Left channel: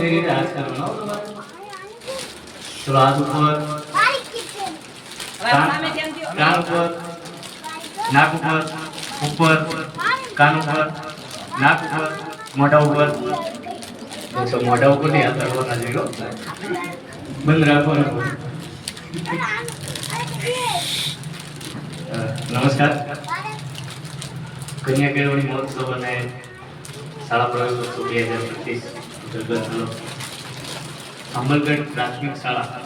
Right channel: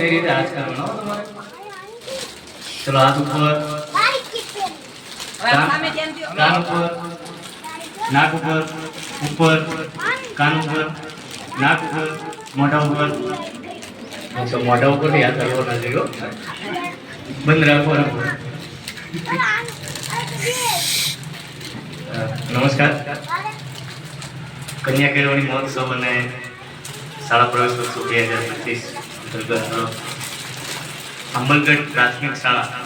રીતે હાથ કરવાનો તમારે. ચલો હાથ ઉપર, કાન ઉપર, નાક ઉપર, ઉપર, કાન ઉપર, નાક ઉપર, મોઢા ઉપર. તો મોઢા ઉપર નહીં હાથ કરવાના છે. બંધ રાખવાનો. નમસ્કાર. કન્યા કેળવણી મહોત્સવ અને શાળા પ્રવેશોત્સવ 2025 અંતર્ગત અમલગઢ પ્રાથમિક શાળા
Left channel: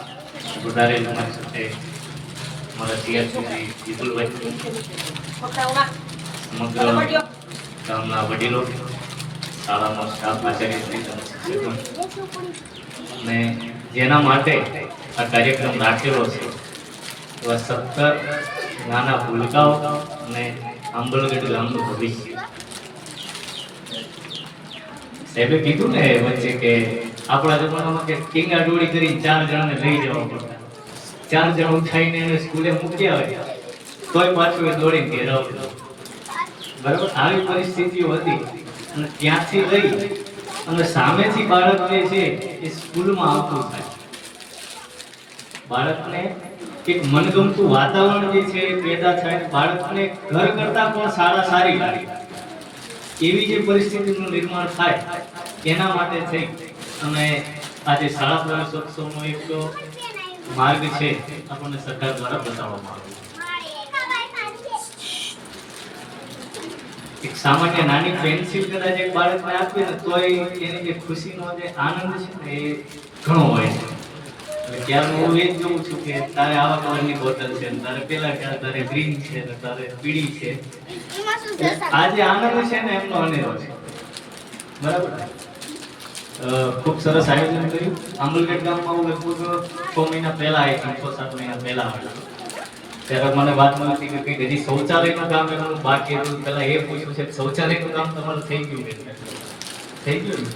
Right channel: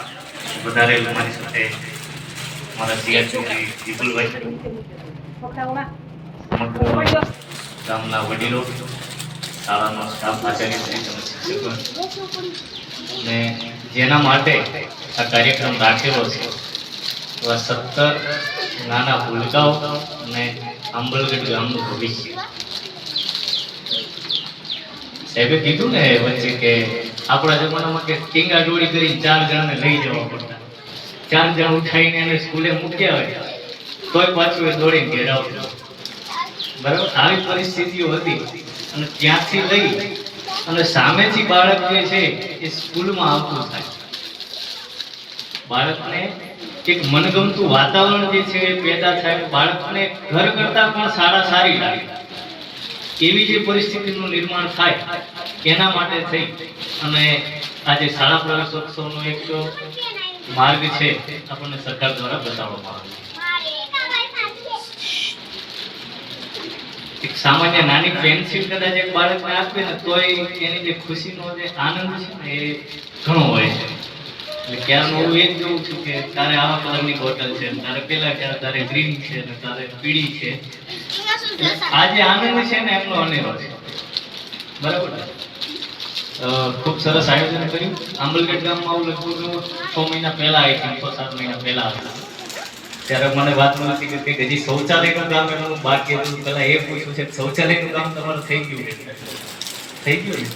વધારેલ મારી સાથે મારા સીઆરસી વિપુલભાઈ, સમગ્ર ગામના વડીલો, શાળાનો સ્ટાફ, આચાર્યશ્રી, શિક્ષકો અને જેના માટે આ કાર્યક્રમ રાખેલો છે એવા 17 નાના ભૂલકાઓ અને અમલગઢ ગામનું ભવિષ્ય. સાહેબે કીધું ને વચ્ચે કે આપણા જમાનામાં કે ટીંગા ડોળી કરી 4 જણાને લઈ જવા પડતા. 4 જણ ઉઠાઈને એને સ્કૂલે મૂક્યા હોય તોય પાછું એ દોડીને ઘેર આવતો. બરાબર, આવી પરિસ્થિતિઓ હતી. અને ત્યાંથી લઈ અને સામેથી બાળક જે છે એ સ્કૂલમાં આવતું થાય. બાળકને એક મનગમતું વાતાવરણ જે છે એ પેદા થાય. બાળકને ઘર કરતા પણ સારી લાગે એવી જે પરિસ્થિતિનું નિર્માણ થાય એના માટે થઈ અને આજે શાળા પ્રવેશોત્સવનો એક માર્ગ છે આપણને સરકાર દ્વારા બતાવવામાં આવ્યો. એક સામાન્ય નાની પેન્સિલ કદાચ એક બાળકને આપે ને તોય એની જે ખુશીનો જે આનંદ છે ને એ ઘણો હોય છે. એટલે ક્યારનું હું એ જ જોઉં છું કે તારે આવા કલરની બોટલ છે, તારે પેલા ક્યારે તારે ગ્રીન છે ને તારે પીળી છે. આ જે આનંદ છે ને એમનો અનેરો છે. બરાબર ને? ખૂબ સરસ આયોજન કર્યું. આંબલગઢ ગામમાં હું લગભગ 6 મહિના પહેલા આવી હતી, 7 મહિના પહેલા આવ્યો. ત્યારે મને વાત મળતી કે હજી શૌચાલયનું કામ એનું બાકી હતું. પેલા એ પૂછ્યું છે શૌચાલયનું કામ તમારું થઈ ગયું કે થઈ ગયું ને?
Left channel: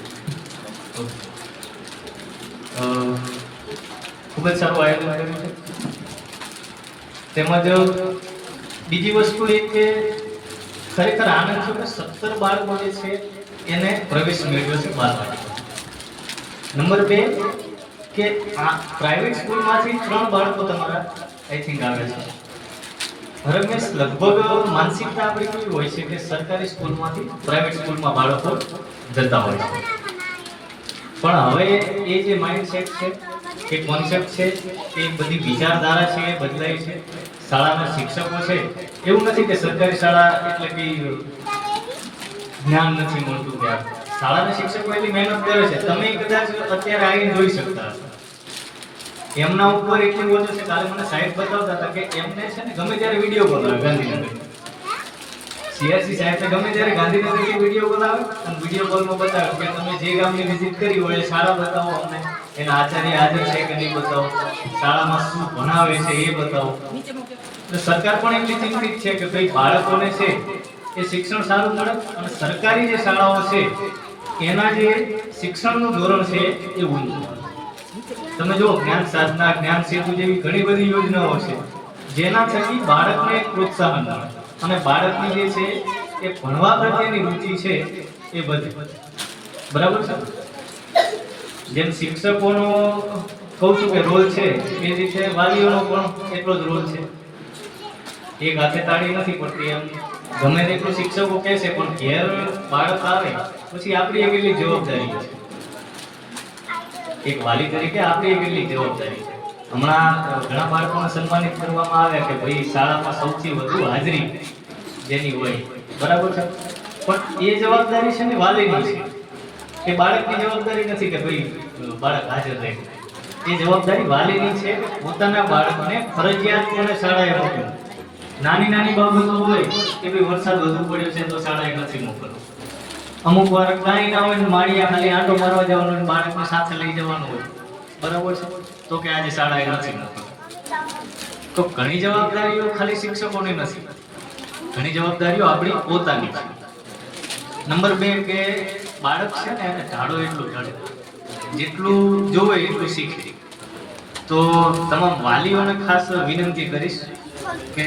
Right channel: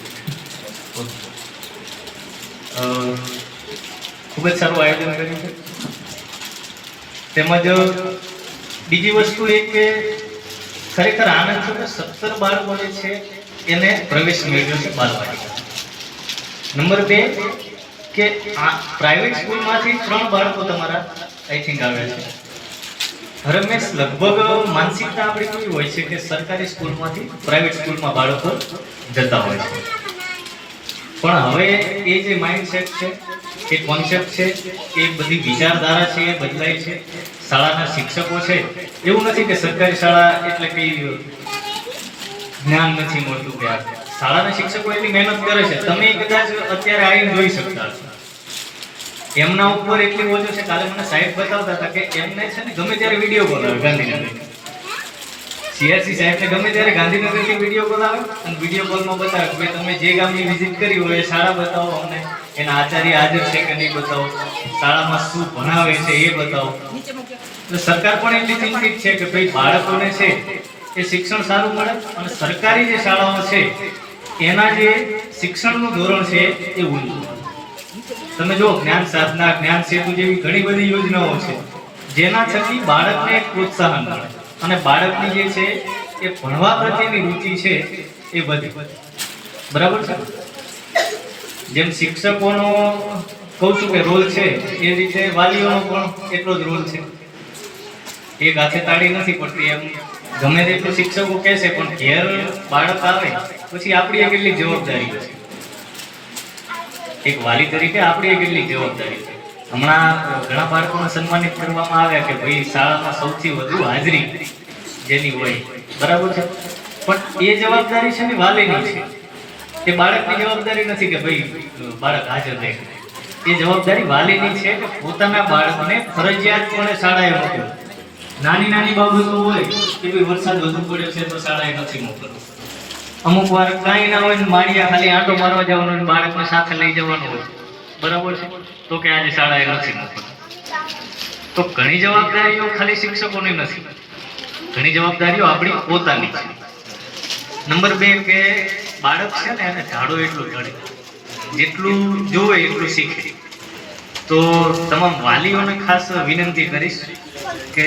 ખૂબ જ સારું આયોજન કર્યું છે. તેમજ બીજી વસ્તુ એ કે ખરેખર આનંદ છે કે 17 બાળકો જે છે એને પ્રવેશ મેળવ્યો છે બાલવાટિકા. નંબર 2 કે આ પ્રાઇવેટ સ્કૂલમાંથી 3 બાળકો તમારા આઈ થિંક આવે છે. હરમેશ લગભગ માનસિકતા આપણી કેવી હોય છે કે સરકારી સ્કૂલમાંથી પ્રાઇવેટ સ્કૂલમાં બાળકો જતા હોય છે. પણ હવે એ જે માઇન્ડસેટ છે, એ કોન્સેપ્ટ છે, એ બધી વિચારધારા છે એ બદલાય છે. શાળાના શિક્ષકો છે એવું નથી કે સરકારી શાળા એટલે કે જ્ઞાન નથી મળતું. કે શાળાના શિક્ષકો એટલી મહેનત કરે છે. તમે કદાચ અત્યારે આવીને જોઈ શકતા હશો. એમના ઉપર એટલી બોજો છે. કાલે મને સાહેબ બતાવતા હતા કે એમને છે ને ગમે ત્યારે વિડીયો કોલ આવે ગાંધીનગર. સીઆરસી સાહેબને ગમે ત્યારે ગાંધીનગરથી વિડીયો કોલ આવે અને વિડીયો કોલમાં બતાવે કે તમે જે ગામની વિઝિટ કરી હોય એ શાળા બતાવો, અમને એના આચાર્ય હાજર છે કે નહીં બતાવો, શાળામાં શું ભણાવે છે એ બતાવો. તો સરકાર પણ એટલી ચિંતિત છે કે ભાઈ બાળકોને છે એ શિક્ષણ સારું મળે અને સરકારી જે શાળાઓ છે એના જે શિક્ષણનું ધોરણ છે એ ઊંચું. તમે જો જ્ઞાન સાધના, જ્ઞાન સેતુ જેવી ઘણી બધી યોજનાઓ છે જેના થકી બાળકને એક પ્રોત્સાહન મળે અને બાળકની જે છે એ ભણવા પ્રત્યેની રુચિ છે એ વધે. બરાબર છે? જેમ શિક્ષકોનો કહું છું કે રોલ છે એ રીતે વાલીઓનો પણ એટલો જ રોલ છે. એક હાથે તાળી નથી પડતી. એમ ગમે તેટલું શિક્ષકો કહેશે પણ ઘેર બાળક આવે પછી આપણી કેટલી જવાબદારી છે. એક વાલી તરીકે આપણી કેટલી જવાબદારી છે. હમણાં ઘણા બાળકોને સન્માનિત કરવામાં આવ્યા કે ભાઈ શાળામાં સૌથી વધુ હાજરી જેની હોય. બરાબર છે? પણ એ જવાબદારી છે ને વાલીની છે. એ બાળકની જવાબદારી નથી કે ભાઈ બાળક હાજર રહે. એ જવાબદારી વાલીની છે કે પોતાના બાળકને ફરજિયાતપણે શાળાએ મોકલો. નાની બાબતો હોય કે ભાઈ વરસાદ વધુ પડ્યો છે તો શાળાએ નથી મોકલવું. અમુક વાર કાંઈ ના હોય ને માળિયા ખાલી આંટો મારવા જવાનો હોય, બાળકને સાથે લઈ જવાનું હોય. બરાબર છે? તો કે આજે શાળાએ નથી મોકલવું. તો ઘણી જવાબદારીઓ ખાલી શિક્ષકોની નથી, ઘણી જવાબદારીઓ આપણી પોતાની છે. નંબર 2 કે બાળક છે ને એને ઝાડો એટલું ચડે, જેટલું જોવે એટલું શીખે. તો તમામ વાલીઓને ખાસ વિનંતી કરીશ કે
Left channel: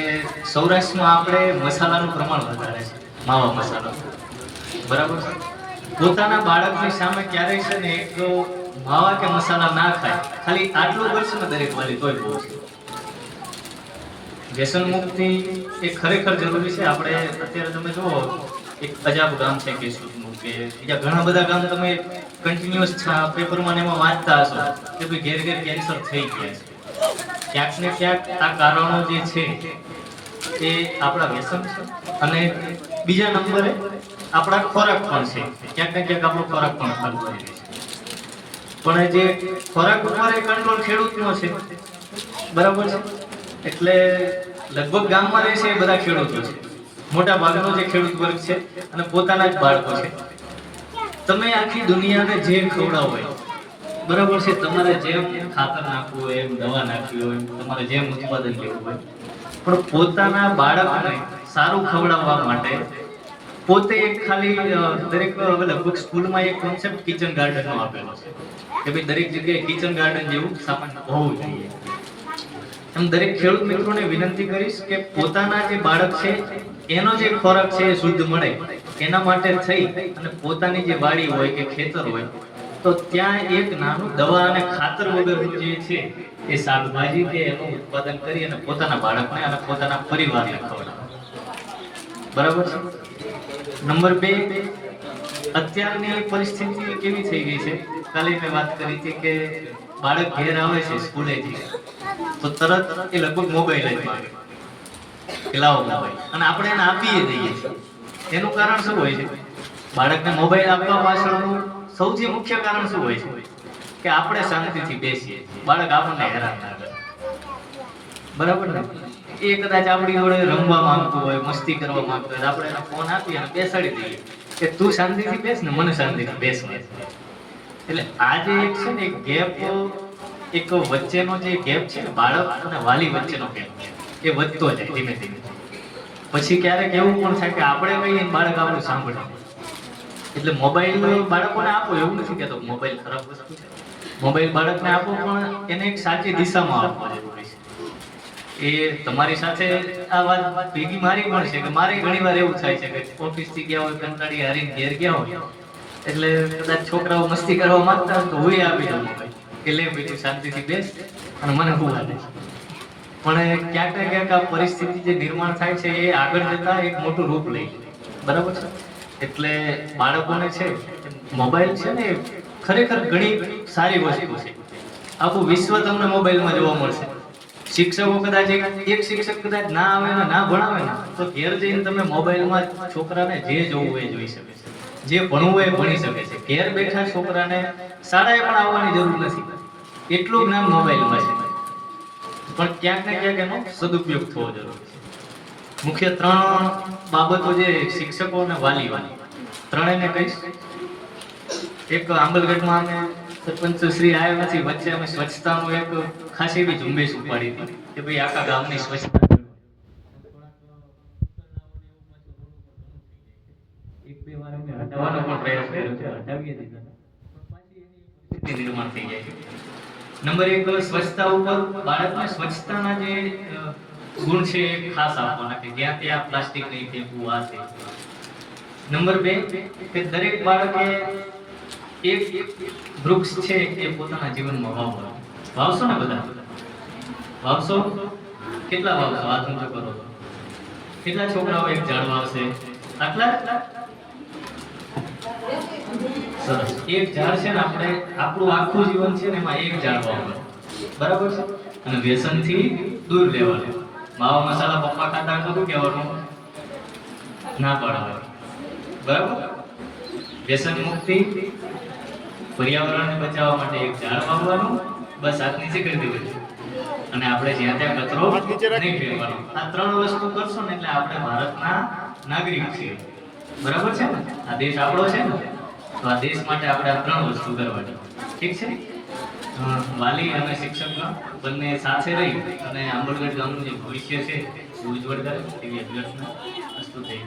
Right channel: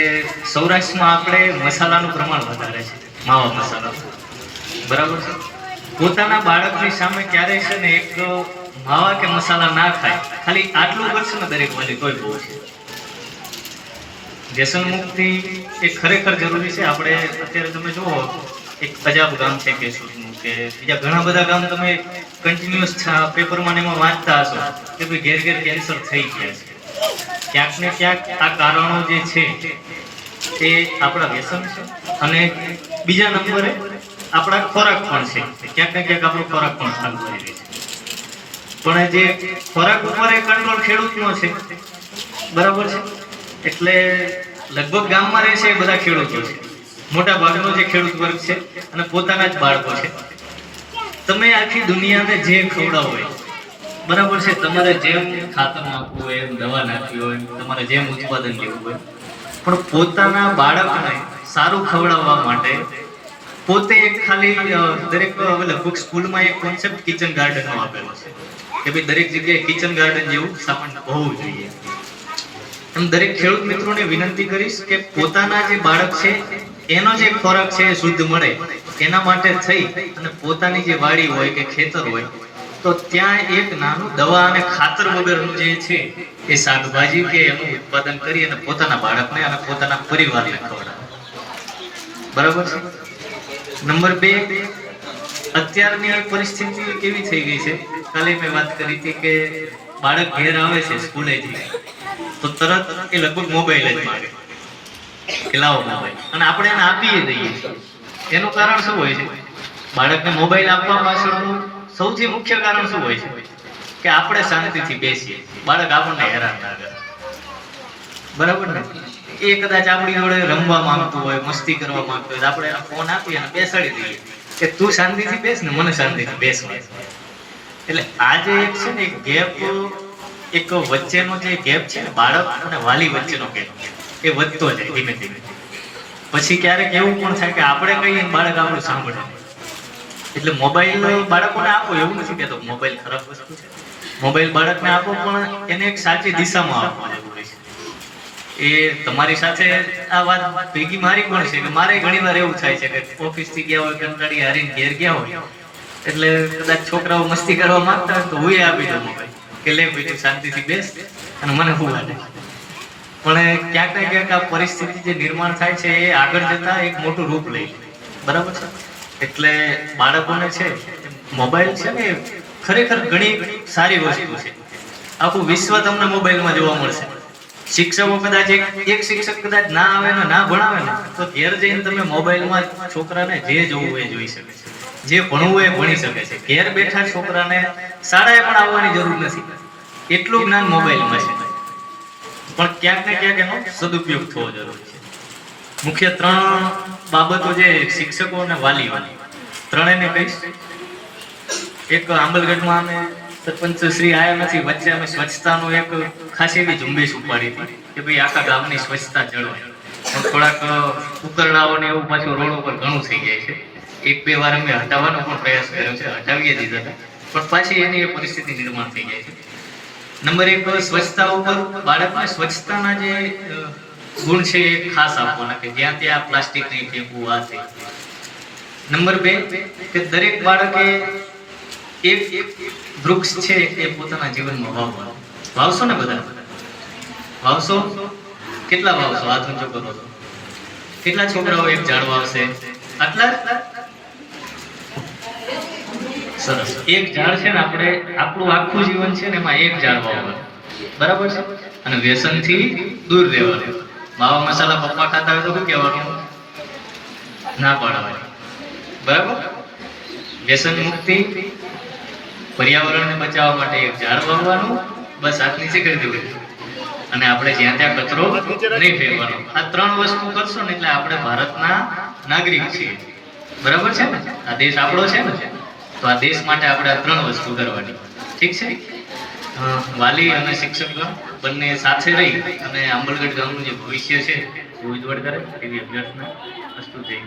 સૌરાષ્ટ્રમાં આપણે મસાલાનું પ્રમાણ વધારે છે, માવા મસાલા. બરાબર છે? પોતાના બાળકની સામે ક્યારેય છે ને એક માવા કે મસાલા ના ખાય, ખાલી આટલું કરશે ને દરેક વાલી તોય બહુ છે. વ્યસન મુક્તિ એ ખરેખર જરૂરી છે. આપણે અત્યારે તમે જુઓ એક અજાબ ગામ છે કેશોદનું, કે બીજા ઘણા બધા ગામ તમે કન્ટિન્યુઅસ પેપરમાં ને એમાં વાંચતા હશો કે ભાઈ ઘેર ઘેર કેન્સર થઈ ગયા છે. ક્યાંક ને ક્યાંક આ કારણો જે છે એ આપણા વ્યસન છે, અને બીજા નંબરે આપણા ખોરાક પણ છે. ક્યાંક ને ક્યાંક આપણો ખોરાક પણ સારું કરી રહે છે. પણ જે ખોરાક ઉપર એ કંટ્રોલ ખેડૂતનો છે, બરાબર છે. એટલે લગભગ ગામમાં રહે છે એ બધા ખેડૂતો છે, મોટા ભાગનો જે ખેડૂત વર્ગ છે, અને પોતાના જ બાળકો છે. તમે આખી દુનિયાને જે ખવડાવો હોય, બરાબર છે, તમારે જેમ ખાતર નાખવું હોય, એમ દવા નાખવી હોય, તમારે જેમ ઉત્પાદન લેવું હોય, પણ પોતાના બાળકને સારું ખવડાવવા માટે પોતે એક ખાલી દરેક લગભગ સ્કૂલમાં એક કોન્સેપ્ટ કિચન ગાર્ડનનો આપેલો છે કે ભાઈ દરેક જગ્યાએ કિચન ગાર્ડન જેવું સામાન હોવું જોઈએ. એમ દરેક ખેડૂત મિત્રોને વિનંતી કરીશ કે પોતાના જે બાળક છે એનો જે ખોરાક છે એ શુદ્ધ મળે, એના માટે થઈ અને પોતાની જે વાડી હોય કે ખેતર હોય તો ત્યાં એક નાનું દવા અને ખાતર વગરનું જે છે એ શાકભાજી કે એનું ઉત્પાદન કરી અને પોતાના બાળકને અને પોતાના પરિવારને ખવડાવે. બરાબર છે. નંબર 2, અત્યારની પરિસ્થિતિ કેવી થઈ ગઈ છે, કાલે મેં વાત કરી હતી કે બાળક ઘેર આવે છે સ્કૂલેથી તો તરત એ લગભગ મોબાઈલ જ માંગે કે લાવો મોબાઈલ, અને આપણે એને આપીએ દઈએ. એનું કારણ શું હોય છે? બાળકને મોબાઈલ આપવા પાછળનું સૌથી મુખ્ય કારણ શું હોય છે? કે આપણે શાંતિથી બેસીએ, બાળક આપણને હેરાન ના કરે. બરાબર ને? એ કદાચ આપણી જોડે રમવા માંગતું હોય, મસ્તી કરવા માંગતું હોય, આપણે એને ફોન આપી અને બેસાડી દઈએ કે તું શાંતિથી બેસ ને મને શાંતિથી બેસવા. એટલે આ જે એક છે ને એક ગેપ, એક વચ્ચેનો જે ગેપ છે ને બાળક અને વાલી વચ્ચેનો ગેપ, એ વધતો જાય ધીમે ધીમે. પછી ક્યારેક એવું પણ થાય કે આપણે કહીએ બાળક આપણું સાંભળે. એટલે મોબાઈલ બાળકોને આપો, એવું નથી કહેતો મોબાઈલ ખરાબ વસ્તુ છે. મોબાઈલ બાળકને આપો, પણ એને એક સાચી દિશામાં આપવો જરૂરી છે. એ તમારી સાથે આ વાત ભેગી મારી પણ છે કે મારે ઘણી વાર એવું થાય છે કે ઓફિસથી ગયા હોય, કંટાળી હારીને ઘેર ગયા હોય, એટલે કદાચ છોકરાઓ મસ્તી કરવા માંગતા હોય તો હું આપી દઉં મોબાઈલ કે લે બેટી શાંતિથી બેસ અને મને હુવા દે. પણ ક્યાંક ને ક્યાંક આ પરિસ્થિતિ જે નિર્માણ થાય છે એ આગળ જતા એક મોટું રૂપ લે. બરાબર છે. એટલે બાળકોને છે મોબાઈલ છે ને ખરેખર ઘણી સારી વસ્તુ છે. આખું વિશ્વ તમને મોબાઈલમાં જોવા મળશે. શિક્ષકો કદાચ એક શિક્ષક કદાચ ના આવે ને ના ભણાવે ને તો ઘેર જઈને તમે મોબાઈલમાં છોકરાને જે જોવું એ જોઈ શકે છે, જે ભણવું એ ભણી શકે છે. ઘેર બેઠા છોકરાને શાળાએ પણ આવવાની જરૂર નથી, એટલું જ્ઞાન મોબાઈલમાં છે. પણ ક્યાંક ને ક્યાંક એનો સદુપયોગ થવો જરૂરી છે. મુખ્ય 3 બાબતો જે શિક્ષકો અને વાલીઓ ત્રણેયને કહીશ. એક આંબલગઢમાં અમે સરપંચ શ્રી આયા નથી, વચ્ચે અમે સ્વચ્છતાનું એક ખાસી એવી ઝુંબેશ ઉપાડી હતી કે ભાઈ આખા ગામની સ્વચ્છતા જળવાય. થોડાક ઉકરડાઓને એવું પાછું રોડ ઉપર ઘણું થઈ જાય છે. 1-2 વાર અમે હટાવવાનો પણ પ્રયાસ કર્યો છે, હટાવીએ દીધા હતા, પણ પાછી એની એ પરિસ્થિતિ નિર્માણ થઈ જાય છે. નંબર 1, સ્વચ્છતા ઉપર બાળકને સ્વચ્છતાના જે ગુણ છે એ ખાસ આપવાના કે જ્યાં ત્યાં પ્લાસ્ટિક નહીં ફેંકવું, આ છે. નંબર 2, કે દરેક બાળકે એક વૃક્ષ છે એ પોતાના જીવનમાં વાવવાનું. વાવશો ને બધા? વાવશો? કેટલા વાવશો? હાથ ઊંચો કરો. કેટલા છોકરાઓ એક ઝાડ વાવશે? આટલા? સરસ. એક ઝાડ છે ને આપણે આપણું આખું જીવન છે ને એમાં એક ઝાડ વાવવાનું. બરાબર છે. અને વ્યસનથી દૂર રહેવાનું. માવા મસાલા પપ્પા ખાતા હોય તો શું કહેવાનું? ના પાડવાનું. બરાબર? વ્યસન મુક્તિ, પર્યાવરણને બચાવવા માટે એક ઝાડ વાવવાનું, બસ આજ નીચે કરી દેવું. અને આપણે જ્યાં ત્યાં કચરો નહીં ફેંકવાનો. આ 3 વસ્તુ કરશો ને એટલે આપણે ભારતના નાગરિક છીએ. બરાબર છે ને? આ દેશ આપણો છે ને, તો આ દેશ માટે આપણે આ 3 વસ્તુ કરવાની. ઠીક છે? વાલી અને શિક્ષક બંને સાથે રહી અને આંબલગઢ ગામનું જે ભવિષ્ય છે એ ઉજ્જવળ કરે એવી અભ્યર્થના. વસ્તુ થઈ.